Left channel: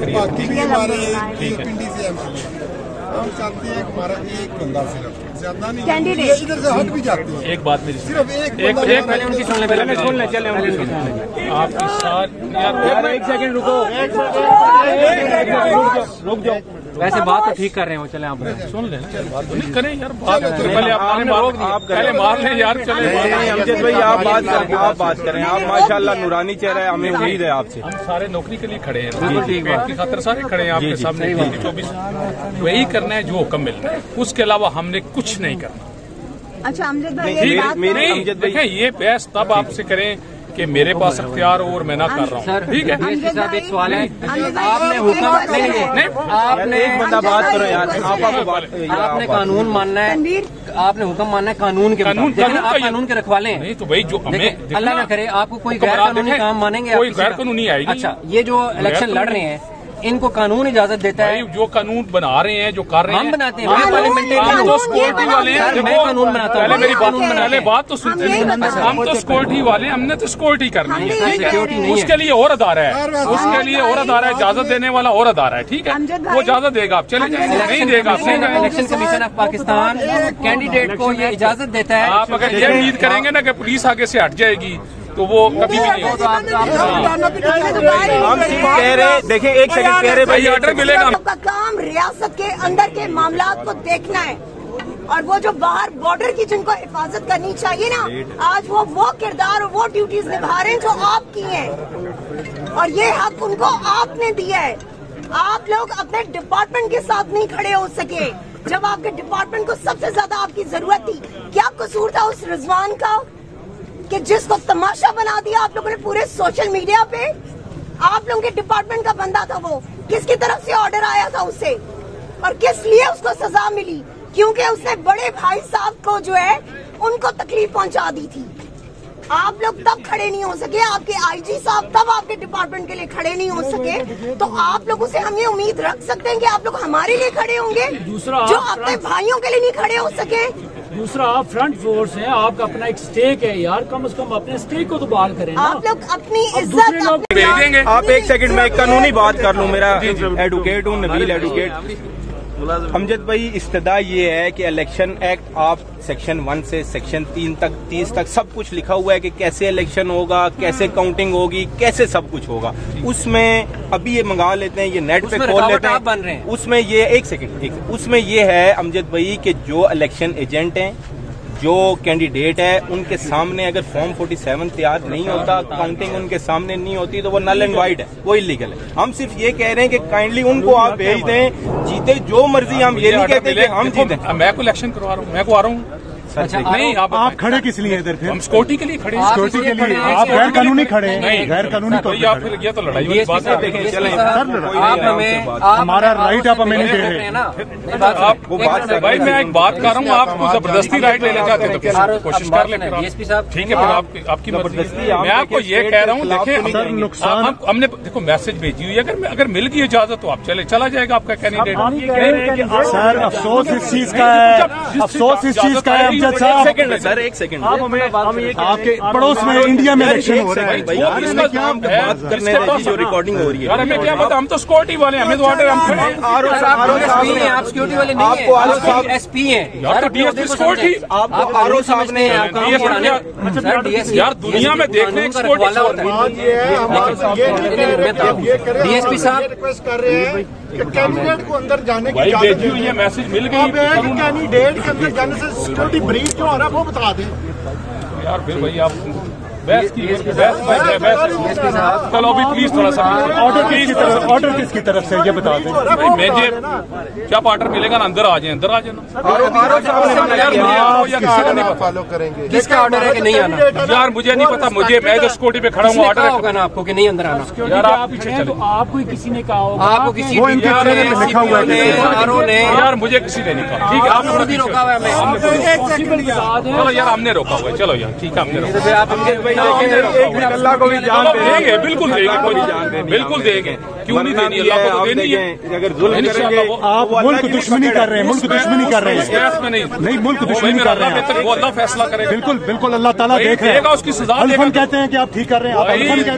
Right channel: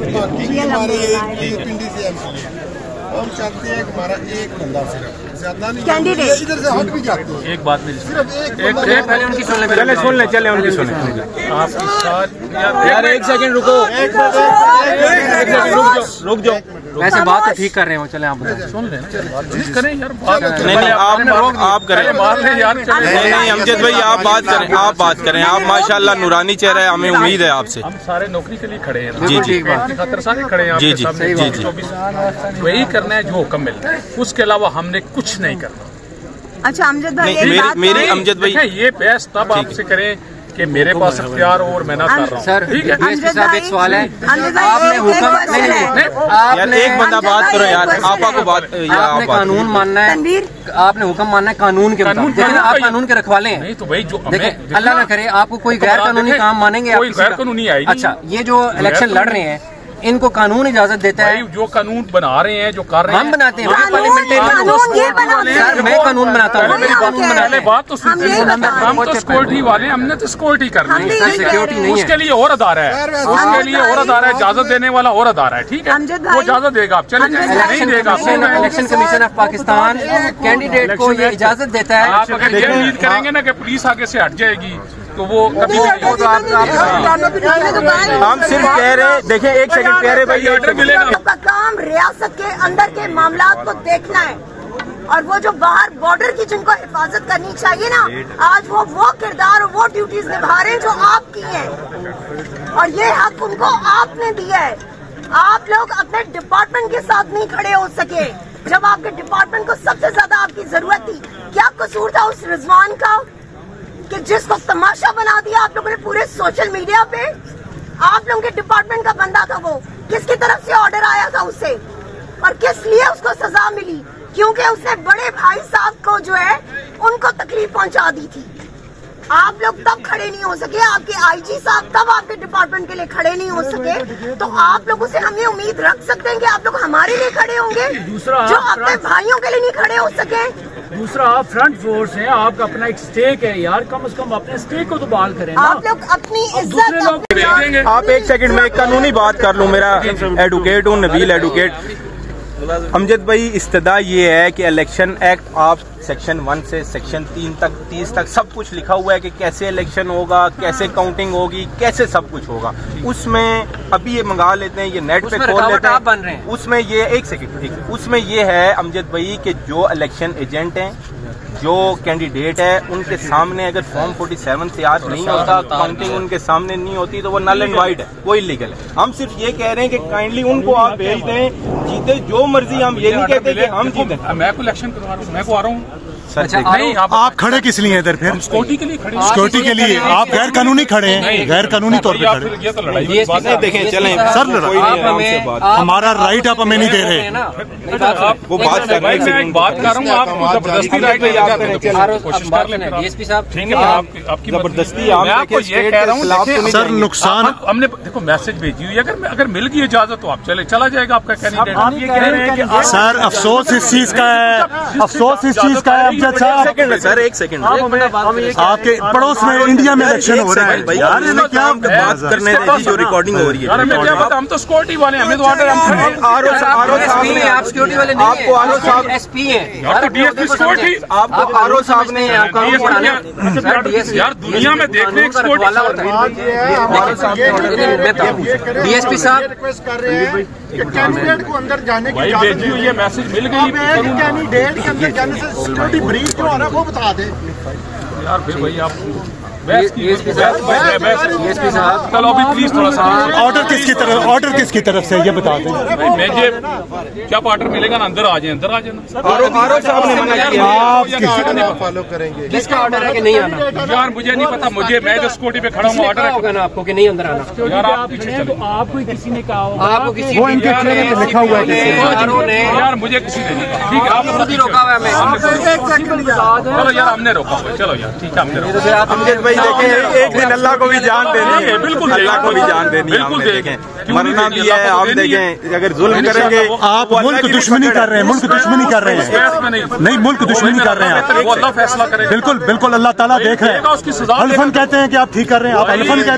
पिंडी से हम चाहते हैं कि हमारा एक बंदा सिर्फ ज्यादा नहीं कैंडिडेट इधर से हट भी जाते हैं। एक बात मेरी सिर्फ एक पहले उनकी सुन ले चले उनकी सुन ले। आपके साथ यार एक सेकंड रुक जाओ ऐसे बात तो ठीक कर रहे हो। चले आप सुन लेना ठीक करें यार बात आप करें मार ले यार। चले नहीं अमजद भाई आप बात करें आप माशाल्लाह नूरानी चेहरा है। हमें उम्मीद है आपसे। हम सारे नौकरी के लिए खड़े हैं। जी जी खातर सारे खड़े हैं आपके सामने। जी जी वही करना है जो हुक्म मिलता है। उसके अलावा हमने कुछ नहीं करना। अच्छा अमजद भाई मेरी अमजद भाई ये बहस तब आपसे करें कि मेरे पास अख्तियार और मैं ना कर रहा हूँ। ठीक है डीएसपी साहब एक सवाल है आपने हुक्म नहीं एक बंदा बात करो यार। आपने कानून मानना है। आपने हुक्म मानना है कानून के कानून के रखवाले हैं। नहीं तो भाई जो अल्लाह ना करे आपको कोई गैर कानूनी काम मानेंगे। कोई गैर कानूनी आई। अच्छा ये जो इलेक्शन लड़ रहे हैं इनको कानून इजाजत देता है। जो कानून बना रहे हैं जो कर रहे हैं हम बनाते हैं। सिक्योरिटी वाले मैं कानून बनाता हूँ। पहले बात तो सुनिए हम तो सिक्योरिटी वाले हमने तो सिक्योरिटी करनी है। सिक्योरिटी उसके लिए और अदारा है। उसके लिए और अदारा है। इजाजत देने वाला और अदारा है। ठीक है वो इजाजत देगा आप चले जाएंगे नहीं देगा आप। Election commission of Pakistan candidate को ये इजाजत देता है। आप अगर ये उम्मीद करेंगे ना कि पुलिस आगे से हट जाएगी तो वो कभी भी नहीं होगा। हम सिर्फ कह रहे देखिए एक सेकंड कह रहे भाई ऑर्डर मिलेगा। आपका काम रियासत के अंदर के मामलात को देखना है और वो जो बाहर बॉर्डर की जिनको हिफाजत करनी चाहिए ना आज वो किरदार और वो ड्यूटीज निभा रहे हैं जो आपकी हैं और ये हक उनको आपने दिया है। आप लोग अपने डिपार्टमेंट के साथ नहीं खड़े हो सके जब आपके डिपार्टमेंट को सबसे ज्यादा आपकी जरूरत थी। क्या कसूर था उस रिजवान का कि जिसको तमाशा बना दिया आप लोगों ने पूरे सोशल मीडिया पे। आप लोगों के डिपार्टमेंट का बंदा था वो। किसकी तरफ से ऑर्डर आया था उससे और किस लिए उसको सजा मिली? क्योंकि उसने बड़े भाई साहब को जो है उनको तकलीफ पहुंचा दी थी। आप लोग तब खड़े नहीं हो सके। आपके आईजी साहब तब आपके डिपार्टमेंट के लिए खड़े नहीं हो सके। तो आप लोगों से हम ये उम्मीद रख सकते हैं कि आप लोग हमारे लिए खड़े होंगे जो अपने भाइयों के लिए नहीं खड़े हो सके। दूसरा आप फ्रंट फोर्स हैं। आपका अपना एक स्टेक है यार। कम से कम अपने स्टेक को तो बहाल करें ना। आप लोग अपनी इज्जत आप एक सेकंड में एक कानूनी बात कर लूं। मेरा एडवोकेट हूं नबील एडवोकेट। अमजद भाई इस्तदा ये है कि इलेक्शन एक्ट आप सेक्शन 1 से सेक्शन 30 तक सब कुछ लिखा हुआ है कि कैसे इलेक्शन होगा कैसे काउंटिंग होगी कैसे सब कुछ होगा। उसमें अभी ये मंगा लेते हैं ये नेट पे खोल लेते हैं। उसमें ये एक सेकंड उसमें ये है अमजद भाई कि जो इलेक्शन एजेंट हैं जो कैंडिडेट है उनके सामने अगर फॉर्म 47 तैयार नहीं होता काउंटिंग उनके सामने नहीं होती तो वो नल एंड वाइड है वो इलीगल है। हम सिर्फ ये कह रहे हैं कि काइंडली उनको आप भेज दें जीते जो मर्जी। हम ये नहीं कहते कि हम जीते। मैं को इलेक्शन करवा रहा हूँ मैं को आ रहा हूँ। अच्छा नहीं आप खड़े किस लिए इधर? फिर हम सिक्योरिटी के लिए खड़े। सिक्योरिटी के लिए आप गैर कानूनी खड़े हैं। गैर कानूनी तौर पर ये तो लड़ाई देखें चले सर हमारा राइट आप हमें नहीं दे रहे। भाई मैं एक बात कर रहा हूँ आपको जबरदस्ती राइट ले जाते तो कोशिश कर ले। ठीक है फिर आपकी जबरदस्ती मैं आपको ये कह रहा हूँ। देखें सर नुकसान हमने देखो मैसेज भेजी हुई अगर मिल गई इजाजत तो आप चला जाएगा आपका कैंडिडेट। सर अफसोस इस चीज का है। अफसोस इस चीज का है सर एक सेकंड आपके पड़ोस में इंडिया में इलेक्शन हो रहा है बात करने दीजिए जो रिकॉर्डिंग हो रही है। हमें क्या पता हम तो सिक्योरिटी वाले हमें तो ऑर्डर हम खड़े हैं। आप सिक्योरिटी वाले नहीं हैं। आपको एसपी हैं आपको आरओ साहब ने यार दुनिया में देखने डीएसपी साहब रिक्वेस्ट कर रहे हैं कि कैंडिडेट को अंदर जाने की इजाजत है। ये मैसेज मिल गई कैंडिडेट के अंदर जाने से सिक्योरिटी ब्रीच क्यों आ रहा है वो बता दे यार। फिर भाई आप चलो अभी प्लीज थोड़ा सा ऑर्डर किसकी तरफ से ये बता दें। मैं ये क्या ऑर्डर मिलेगा ना अंदर आ जाना फॉलो करेंगे। किसका ऑर्डर है कि नहीं आना? यार मुझे नहीं पता। मैं जो सिक्योरिटी पे खड़ा हूँ ऑर्डर होगा ना आपको कि नहीं अंदर आना। तो आपको किसी ने कहा होगा आपको किसी लिखा हुआ है यार मुझे किसी ने नहीं कहा। ठीक है आपने खुद ही रोका हुआ है। चलो यार हमने रोका हुआ है। चलो यार ठीक है हमने एक दिन अल्लाह को भी जान देनी है, बिल्कुल अल्लाह को भी जान देनी, बिल्कुल देंगे, क्यों नहीं देनी अल्लाह को, आप देखें अगर जुल्म करेंगे आप मुल्क दुश्मनी कर रहे हैं, मुल्क दुश्मनी कर रहे हैं, नहीं मुल्क दुश्मनी कर रहे हैं, वो अल्लाह फैसला करेगा। बिल्कुल बिल्कुल अल्लाह ताला देख रहे हैं, उसकी सजा कहते हैं कि आप ठीक कर रहे हैं,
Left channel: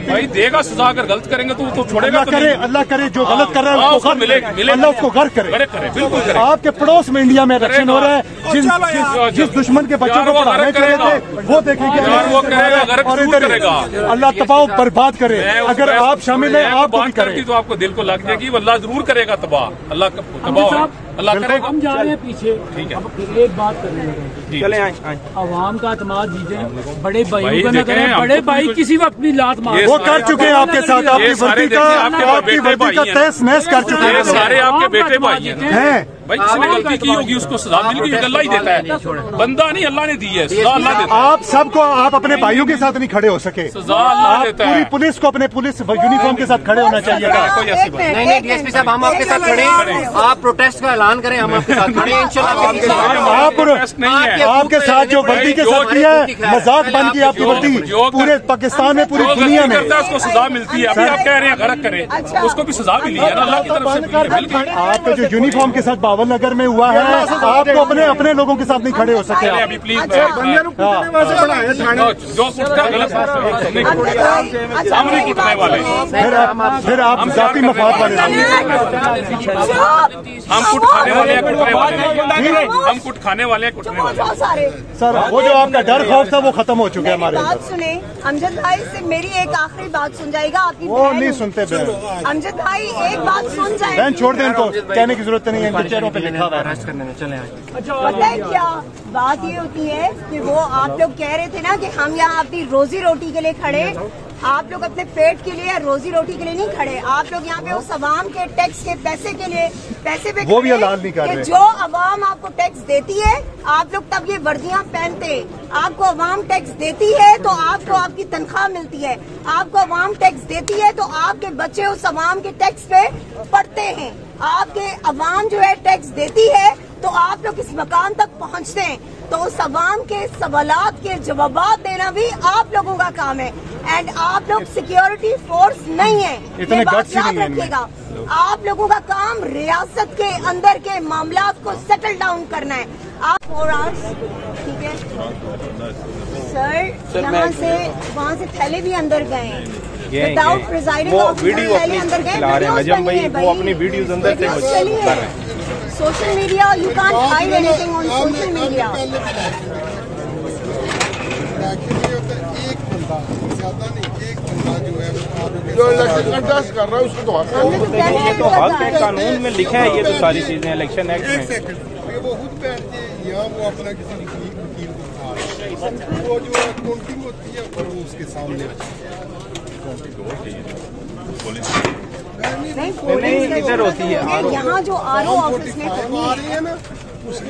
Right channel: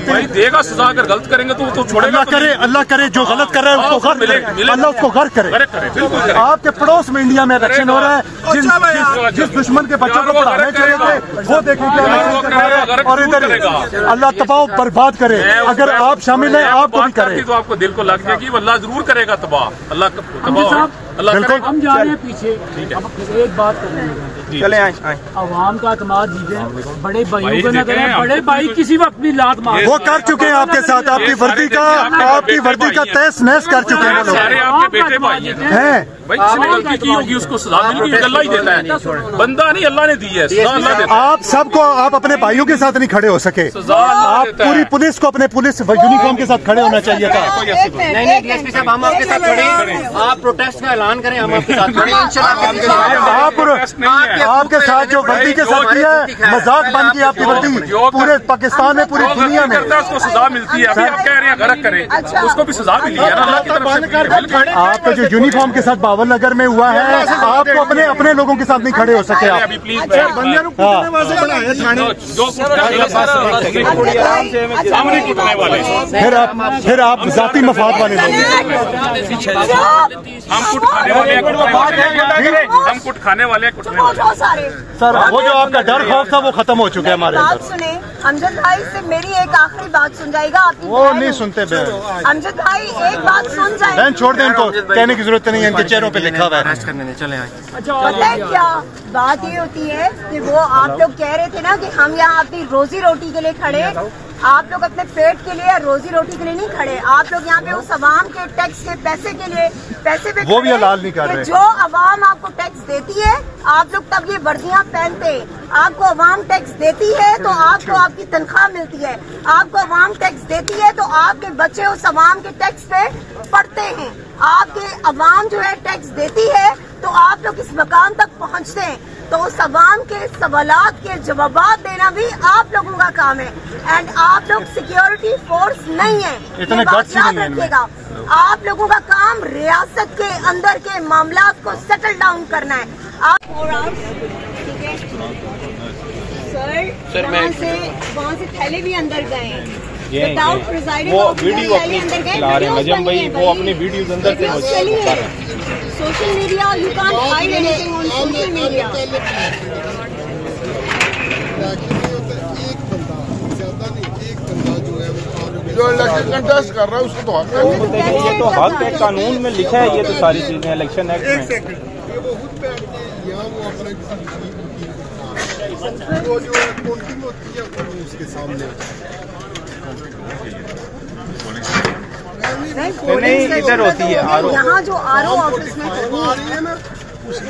भाई देगा सजा, अगर गलत करेंगे तो छोड़ेगा, अल्लाह करे जो गलत कर रहे हैं उसको अल्लाह उसको गर्क करे। आपके पड़ोस में इंडिया में इलेक्शन हो रहा है, जिस दुश्मन के बच्चों को पढ़ाने चाहिए थे वो देखें क्या, और इधर अल्लाह तबाह बर्बाद करे। अगर आप शामिल हैं आप भी करें तो आपको दिल को लग जाएगी, अल्लाह जरूर करेगा तबाह, अल्लाह तबाह अल्लाह करेगा। हम जा रहे हैं पीछे, ठीक है, एक बात करने चले आवाम का एतमाद जीतें, बड़े भाइयों को न करें, बड़े भाई किसी वक्त भी लात मार, वो कर चुके हैं आपके साथ, आपकी वर्दी का तहस नहस कर चुके हैं, सारे आपके बेटे भाई हैं भाई, जिसने गलती की होगी उसको सजा मिलेगी, अल्लाह ही देता है, बंदा नहीं अल्लाह ने दी है, सजा अल्लाह देता है। आप सबको आप अपने भाइयों के साथ नहीं खड़े हो सके, सजा अल्लाह देता है। पूरी पुलिस को अपने पुलिस यूनिफॉर्म के साथ खड़े होना चाहिए था। नहीं डीएसपी साहब, हम आपके साथ खड़े हैं, आप प्रोटेस्ट का ऐलान करें, हम आपके साथ खड़े हैं इंशाल्लाह। आपके साथ जो वर्दी के साथ किया है मजाक बन की आपकी वर्दी पूरे पाकिस्तान में, पूरी दुनिया में उसको सजा मिलती है। अभी आप कह रहे हैं गलत करें, उसको भी सजा मिली है ना अल्लाह की तरफ से। आपका जो यूनिफॉर्म के साथ बावल नगर में हुआ है, आपको अपने लोगों के साथ नहीं खड़े हो सके। अभी प्लीज सामने कुटने वाले, फिर आप जाती मफाद वाले, हम कुट खाने वाले सर, वो जो आपका डर खौफ था वो खत्म हो चुका है हमारे बात अंदर। सुने अमजद भाई से, मेरी एक आखिरी बात सुन जाएगा, आपकी वो नहीं सुनते बहन, अमजद भाई एक बात सुन जाए, बहन छोड़ दें इनको, कहने की जरूरत नहीं है, इनके चेहरों पे लिखा हुआ है। पता है क्या बात ये होती है कि वो आप लोग कह रहे थे ना कि हम यहाँ अपनी रोजी रोटी के लिए खड़े, आप लोग अपने पेट के लिए या रोजी रोटी के लिए नहीं खड़े, आप लोग यहाँ पे उस अवाम के टैक्स के पैसे के लिए, पैसे पे वो भी हलाल नहीं कर रहे। जो अवाम आपको टैक्स देती है आप लोग तब ये वर्दियाँ पहनते, आपको अवाम टैक्स देती है तो आपको आपकी तनख्वाह मिलती है, आपको अवाम टैक्स देती है तो आपके बच्चे उस अवाम के टैक्स पे पढ़ते हैं, आपके अवाम जो है टैक्स देती है तो आप लोग इस मकाम तक पहुँचते हैं, तो उस अवाम के सवालात के जवाब देना भी आप लोगों का काम है। एंड आप लोग सिक्योरिटी फोर्स नहीं है, इतने गट्स ही नहीं है रखिएगा। आप लोगों का काम रियासत के अंदर के मामलात को सेटल डाउन करना है। आप 4 आवर्स, ठीक है सर, वहाँ से थैले भी अंदर गए हैं विदाउट प्रिजाइडिंग वीडियो अंदर गए, नजम भाई वो अपनी वीडियोस अंदर से social media, you can't find anything on social media. जो इलेक्शन कंटेस्ट कर रहा है उसको तो हक है, कानून में लिखा है ये तो सारी चीजें इलेक्शन एक्ट में। वो खुद पहनते हैं या वो अपना किसी वकील को वो जो काउंटिंग होती है वो उसके सामने नहीं इधर होती है, यहाँ जो आरओ ऑफिस में होनी है उसकी